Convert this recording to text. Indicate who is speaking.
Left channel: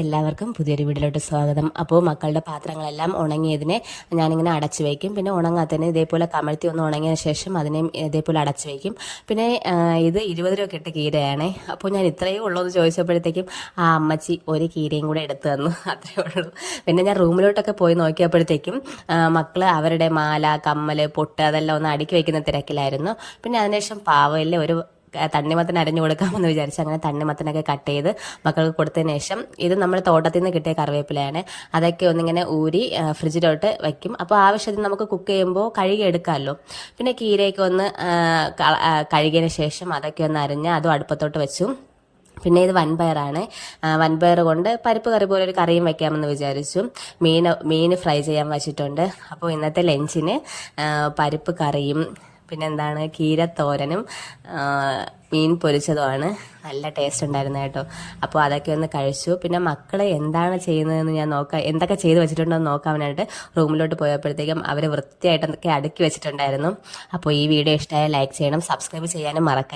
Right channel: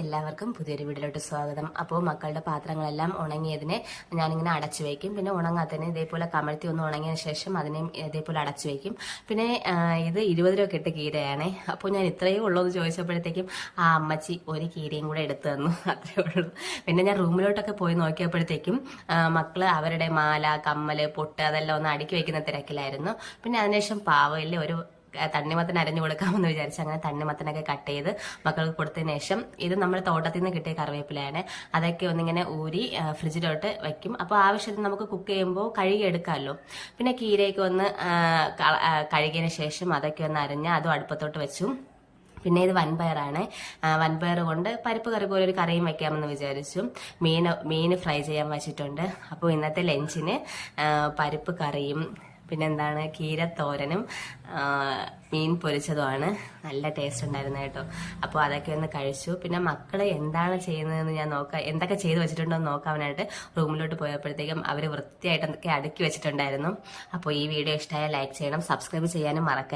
Speaker 1: എല്ലാവർക്കും പുതിയൊരു വീട്ടിലോട്ട് സ്വാഗതം. അപ്പോൾ മക്കളുടെ പാത്രങ്ങളെല്ലാം ഉണങ്ങിയതിനെ ഞാനിങ്ങനെ അടച്ചു വയ്ക്കും. പിന്നെ ഉണങ്ങാത്തതിന് ഇതേപോലെ കമഴ്ത്തി ഒന്ന് ഉണങ്ങിയ ശേഷം അതിനെയും ഇതേപോലെ അടച്ചു വയ്ക്കും. പിന്നെ ഇത് ഇരുപത് രൂപ കെട്ട് കീരയാണ്. അപ്പോൾ ഞാൻ ഇത്രയേ ഉള്ളൂ എന്ന് ചോദിച്ചപ്പോഴത്തേക്കും ആ അമ്മച്ചി ഒരു കീരയും കൂടെ എടുത്തു തന്നു. അത്രയേ ഉള്ളൂ. പിന്നെ ഞാൻ റൂമിലോട്ടൊക്കെ പോയി നോക്കിയപ്പോഴത്തേക്കും മക്കൾ അവരുടെ മാല കമ്മൽ പൊട്ട് അതെല്ലാം ഒന്ന് അടുക്കി വയ്ക്കുന്ന തിരക്കിലായിരുന്നു. പിന്നെ അതിനുശേഷം പാവയിലെ ഒരു തണ്ണിമത്തൻ അരഞ്ഞു കൊടുക്കാമെന്ന് വിചാരിച്ചു അങ്ങനെ തണ്ണിമത്തനൊക്കെ കട്ട് ചെയ്ത് മക്കൾക്ക് കൊടുത്തതിന് ശേഷം ഇത് നമ്മൾ തോട്ടത്തിൽ നിന്ന് കിട്ടിയ കറിവേപ്പിലയാണ്. അതൊക്കെ ഒന്നിങ്ങനെ ഊരി ഫ്രിഡ്ജിലോട്ട് വയ്ക്കും അപ്പോൾ ആവശ്യത്തിന് നമുക്ക് കുക്ക് ചെയ്യുമ്പോൾ കഴുകി എടുക്കാമല്ലോ പിന്നെ കീരയൊക്കെ ഒന്ന് കഴുകിയതിന് ശേഷം അതൊക്കെ ഒന്ന് അരിഞ്ഞ് അതും അടുപ്പത്തോട്ട് വെച്ചു. പിന്നെ ഇത് വൻപയറാണ്. വൻപയർ കൊണ്ട് പരിപ്പ് കറി പോലെ ഒരു കറിയും വെക്കാമെന്ന് വിചാരിച്ചു. മീൻ മീൻ ഫ്രൈ ചെയ്യാൻ വെച്ചിട്ടുണ്ട്. അപ്പോൾ ഇന്നത്തെ ലഞ്ചിന് പരിപ്പ് കറിയും പിന്നെന്താണ്? കീരത്തോരനും മീൻ പൊരിച്ചതുമാണ്. നല്ല ടേസ്റ്റ് ഉണ്ടായിരുന്നു കേട്ടോ. അപ്പോൾ അതൊക്കെ ഒന്ന് കഴിച്ചു. പിന്നെ മക്കൾ എന്താണ് ചെയ്യുന്നതെന്ന് ഞാൻ നോക്കാം എന്തൊക്കെ ചെയ്തു വെച്ചിട്ടുണ്ടോ എന്ന് നോക്കാനായിട്ട് റൂമിലോട്ട് പോയപ്പോഴത്തേക്കും അവർ വൃത്തിയായിട്ടൊക്കെ അടുക്കി വെച്ചിട്ടുണ്ടായിരുന്നു. അപ്പോൾ ഈ വീഡിയോ ഇഷ്ടമായ ലൈക്ക് ചെയ്യണം സബ്സ്ക്രൈബ് ചെയ്യാനും മറക്കരുത്.